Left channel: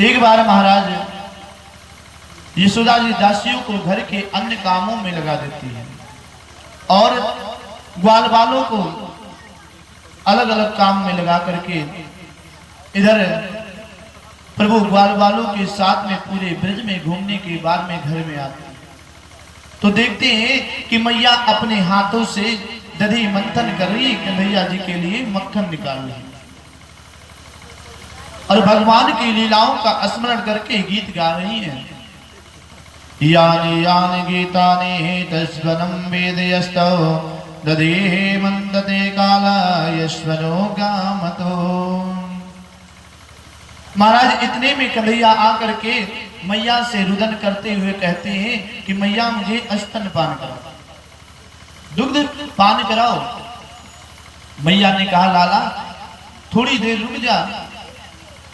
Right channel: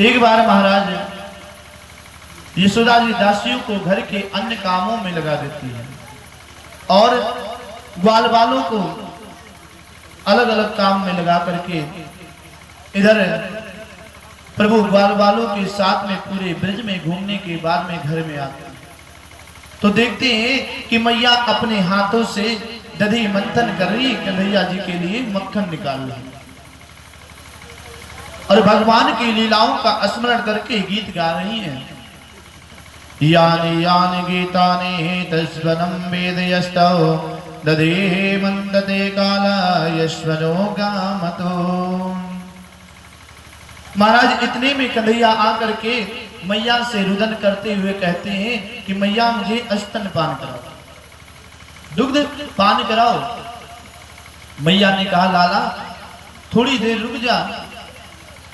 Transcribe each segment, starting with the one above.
एक बार महाराज यशोदा जी दासियों को घर के अन्य कामों में लगा देती है और ग्वाल बालों को अलग अलग काम में लगा करके इधर प्रभु ग्वाल बालों के साथ में पूरे ब्रज में घूमने के बाद में घर में आते हैं तो देखते हैं कि मैया अपने हाथों से दधी मंथन कर रही कन्हैया जी के लिए मक्खन निकाल रही और भगवान की लीलाओं का स्मरण करके गीत गा रही है। यानि यानि गीतानि तस्वनं वेदयस्तौ दधेः मंदते काला यश्वनो गामतो। महाराज इतने में कन्हैया आकर के मैया से रुदन करते हुए कहते हैं कि मैया मुझे स्तन पान कराओ, दुग्ध पान कराओ। मैया ने कहा लाला थोड़ी देर रुक जा,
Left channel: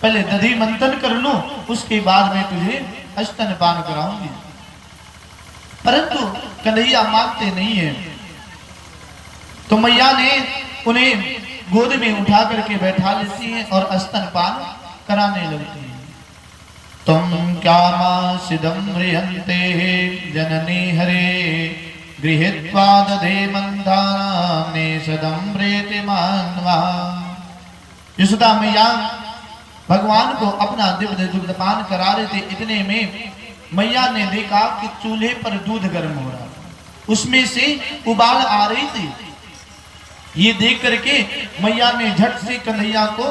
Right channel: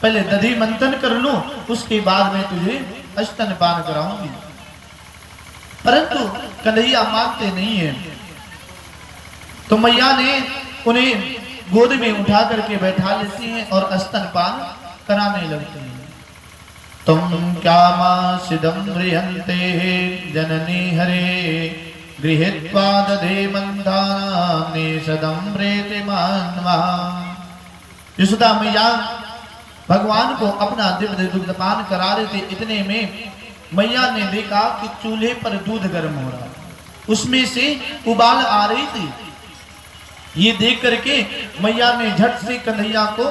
पहले दधी मंथन कर लूं, उसके बाद में तुझे स्तन पान कराऊंगी। परंतु कन्हैया मानते नहीं है तो मैया ने उन्हें गोद में उठा करके बैठा लेती हैं और स्तन पान कराने लगती हैं। तुम क्या मां सिदम रिहंते जननी हरे गृहीत्वा दधे मंथाने सदम रेति मानवा। यशोदा मैया भगवान को अपना दिव्य दुग्धपान करा रहे थे। इतने में मैया ने देखा कि चूल्हे पर दूध गर्म हो रहा, उसमें से उबाल आ रही थी। ये देख करके मैया ने झट से कन्हैया को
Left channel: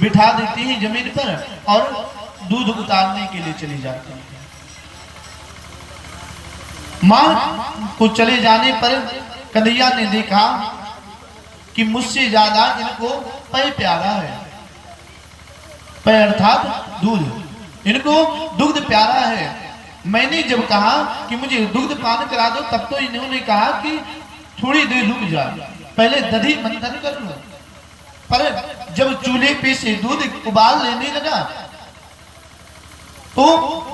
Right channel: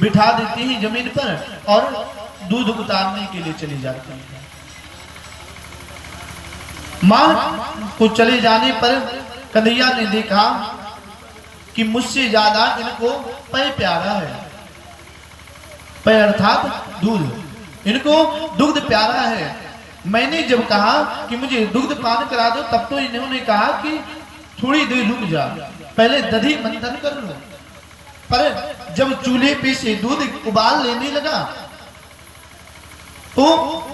बिठा देती है जमीन पर और दूध उतारने के लिए चली जाती है। मां को चले जाने पर कन्हैया ने देखा कि मुझसे ज्यादा इनको पेय प्यारा है। पेय अर्थात दूध, इनको दुग्ध प्यारा है। मैंने जब कहा कि मुझे दुग्ध पान करा दो तब तो इन्होंने कहा कि थोड़ी देर रुक जा, पहले दधी मंथन कर लूं। पर जब चूल्हे पे से दूध उबाल लेने लगा तो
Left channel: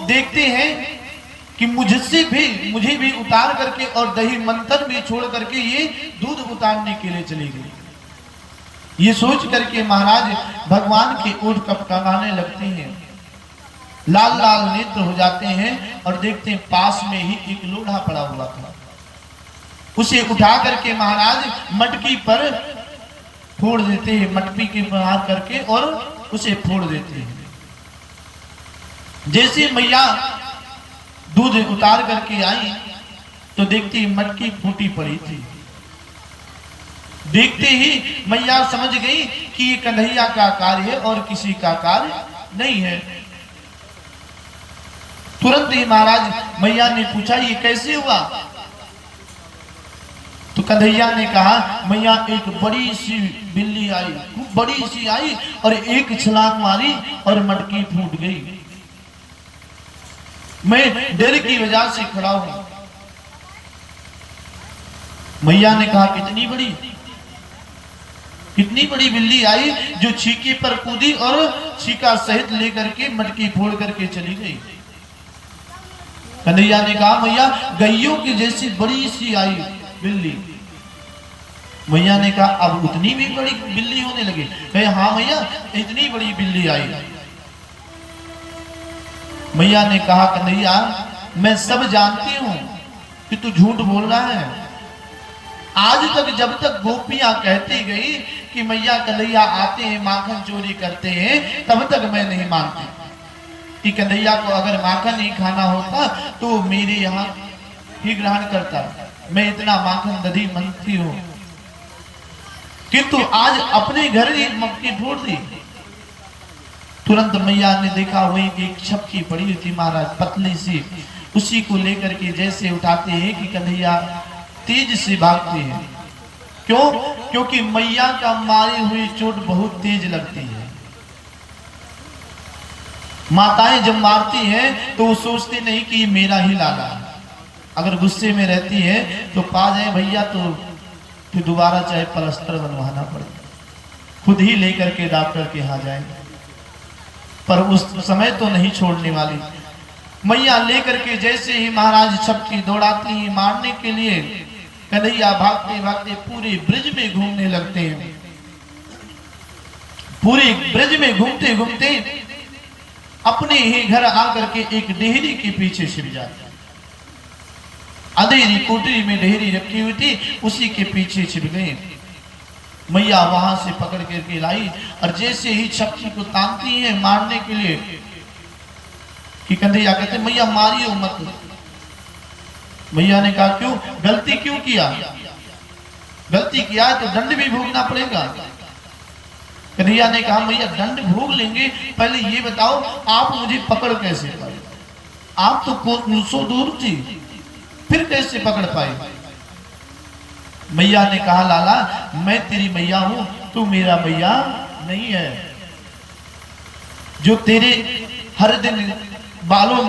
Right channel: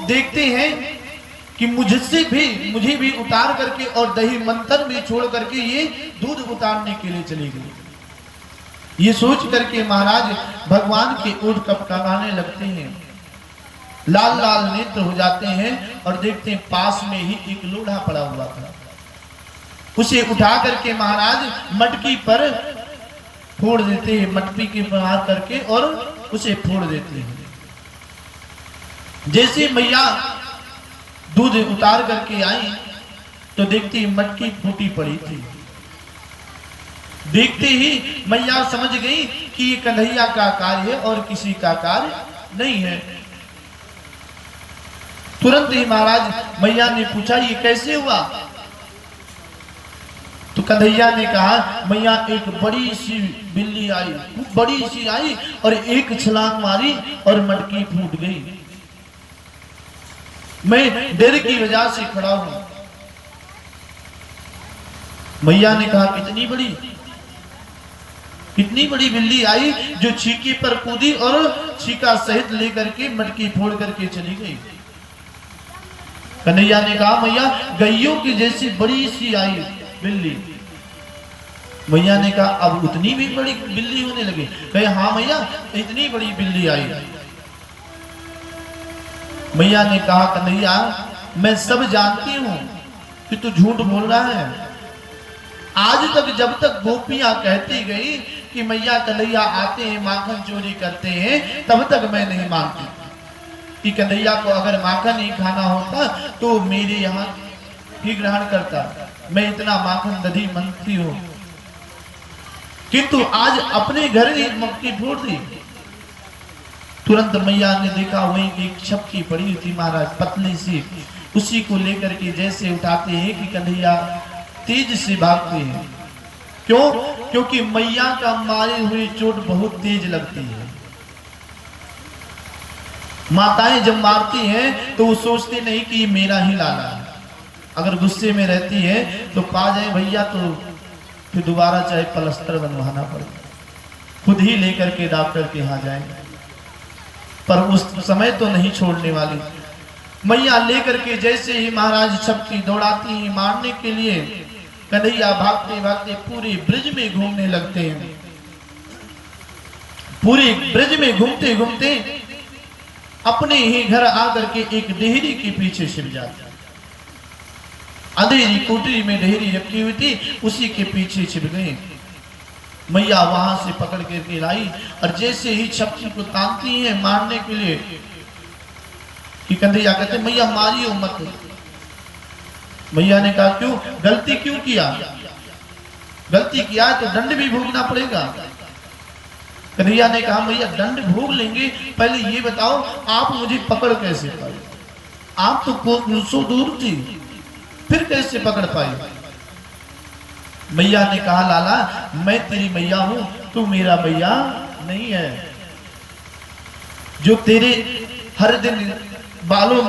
देखते हैं कि मुझे भी उतार करके और दही मंथन भी छोड़ करके ये दूध उतारने के लिए चली गई। ये सोच करके महाराज भगवान के ओठ कपकपाने लगते हैं, लाल लाल नेत्र हो जाते हैं और देखते हैं पास में ही एक लोढ़ा पड़ा हुआ था। उसे उठा करके महाराज मटकी पर फोड़ देते हैं, मटकी के बाहर करके और उसे फोड़ देते हैं। जैसे मैया दूध उतार करके आई तो देखती मटकी फूटी पड़ी थी। देखते ही मैया समझ गई कि ये कन्हैया का कार्य है और किसी का कार्य नहीं है। तुरंत ही महाराज मैया ने पूछा ये कैसे हुआ? तो कन्हैया ने कहा मैया एक बड़ी सी बिल्ली आई, खूब बड़ी सी आई और एक छलांग मारी और मटकी फूट गई। मैं डर की वजह से खड़ा हूं। मैया ने कहा कितनी बड़ी बिल्ली आई जो छीके पर कूदी और छीका सहित लेकर के मटकी फोड़ करके चली गई। कन्हैया ने कहा मैया गैयों की जैसी बड़ी सी आई बिल्ली। मैया ने कहा अब उतनी भी बड़ी बिल्ली होने लगी? कहे हाँ मैया इतनी बड़ी बिल्ली आई। मैया ने कहा कन्हैया मैं सब जानती हूं कि तू झूठ बोल रहा है। आज तक जब तक गोपियां कहती गई कि मैया कन्हैया आते हैं माखन चोरी करते हैं तब तक मैं नहीं मानती कि कन्हैया को अगर माखन नहीं खाना होता तो मेरे यहाँ ही ग्रहण करता। मैं इतना माखन दधी मांगती हूँ, किंतु आज अपने घर ही मटकी फोड़ दी। तुरंत मैया ने देखा वही एक छपकी पड़ी हुई थी महाराज पतली सी, उसी को लेकर के जैसे उठाते हैं कि कन्हैया तेज से भागते हैं। क्यों? क्योंकि मैया का मारी हुई चोट बहुत तेज लगती है। माताएं जब मारती हैं तो वो सोचते नहीं कि ये मेरा ही लाला है। अगर गुस्से में रहती है तो पा जाए भैया तो फिर दोबारा चाहे प्लास्टर बनवाना पड़े, खुद ही लेकर के डॉक्टर के यहाँ जाएंगे, पर उस समय तो नहीं छोड़ने वाली। मैया लेकर के जैसे ही महाराज छपकी दौड़ाती हैं मारने के लिए, कन्हैया भागते भागते पूरे ब्रिज में घूमने लगते हैं। पूरे ब्रज में घूमते घूमते अपने ही घर आकर के एक डेहरी के पीछे छिप जाता। अंधेरी कोठरी में डेहरी रखी हुई थी, उसी के पीछे छिप गए। मैया वहां से पकड़ करके लाई और जैसे ही छपकी को तानती है मारने के लिए कि कन्हैया कहते मैया मारियो मत। मैया ने कहा क्यों, गलती क्यों किया, गलती किया है तो दंड भी भोगना पड़ेगा। कन्हैया ने कहा मैया दंड भोग लेंगे, पहले ये बताओ आप मुझे पकड़ कैसे पाए, आप तो कोसों दूर थी, फिर कैसे पकड़ पाए। मैया ने कहा लाला मैं तेरी मैया हूं, तू मेरा मैया नहीं है। जो तेरे हर दिन बालों